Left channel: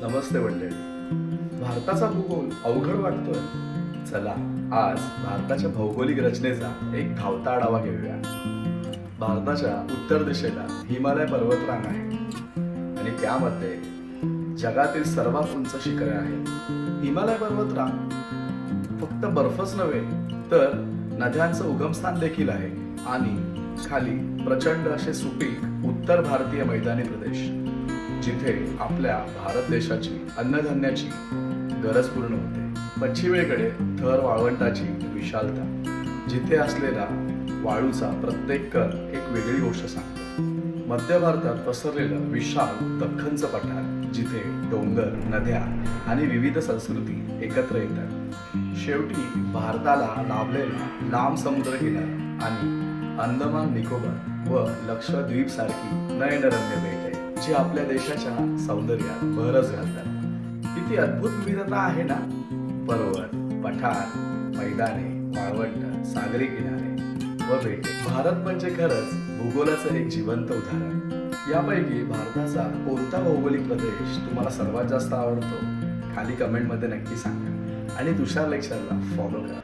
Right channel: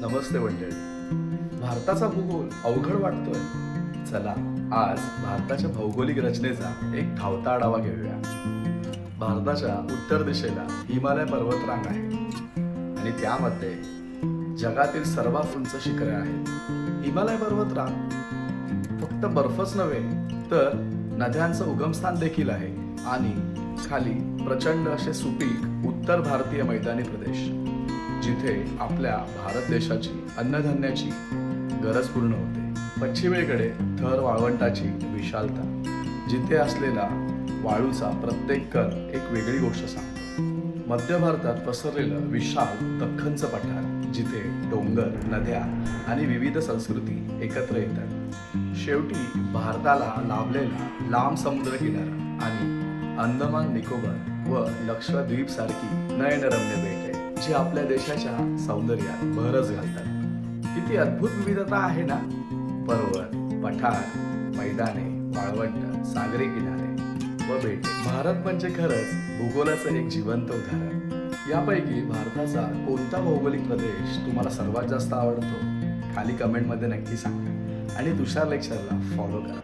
नमस्ते मंडळी. भारताचा भूगोल अवघड वाटतोय. चला, आज भारताच्या भौगोलिक रचनेचा एक धावता आढावा घेऊया. भारताच्या उत्तर दिशेला हिमालय पर्वतरांग आहे आणि त्यामध्ये जगातील सर्वात उंच शिखरे आहेत. हिमालय पर्वतरांग फक्त बर्फच नव्हे तर नद्यांचं उगमस्थान देखील आहे आणि खाली प्रचंड असे सुपीक उत्तर भारतीय मैदानी प्रदेश, जिथे आपल्या भारत देशाची अन्नधान्याची गरज पूर्ण होते. पश्चिमेकडे थर वाळवंटाची विशालता, जिथे असलेला वाळूचा प्रत्येक कण एक वेगळी गोष्ट सांगतो. मध्य भारतात पसरलेलं विशाल दख्खनचं पठार, जिथे डोंगर, नद्या आणि विविध संस्कृती एकत्र येतात. शेवटी भारताला लाभलेला लांब समुद्रकिनारा आणि अंदमान निकोबार व लक्षद्वीप सारखी नयनरम्य बेटे, जी आपल्या देशाच्या सौंदर्यात भरच घालतात. किती अद्भुत विविधता आहे ना. पर्वत, पठार, मैदाने, वाळवंट, सागरी किनारे व बेटे. भारत म्हणजे खरंच भूगोलाचं एक जिवंत उदाहरण. यापैकी भारताचा कोणता भौगोलिक प्रदेश तुम्हाला सर्वात जास्त आवडतो? खाली कमेंटमध्ये नक्की सांगा आणि तुषार लेक्चरला फॉलो करा.